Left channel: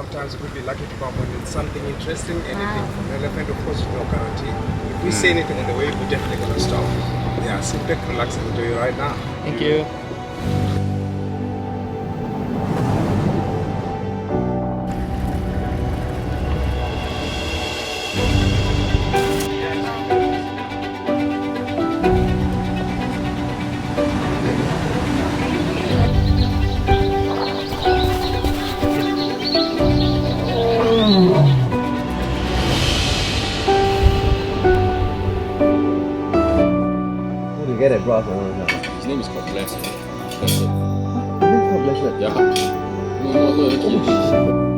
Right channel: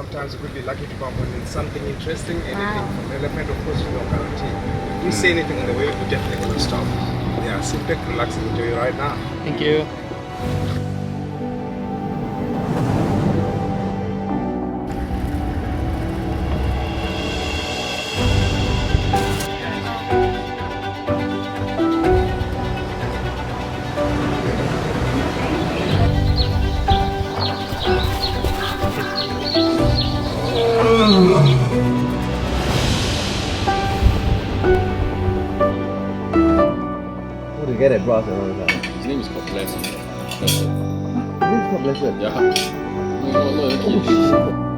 sometimes we could be lucky to bump into something interesting, anything from elephant, of course, no guarantee. If we see anything on the way, we're definitely going to stop. Yeah, sit back, relax, and enjoy it right now. Thank you. Who did you get it, bro? His name is called Blessed. Blessed. His name's called Blessed. Yeah. No, even English.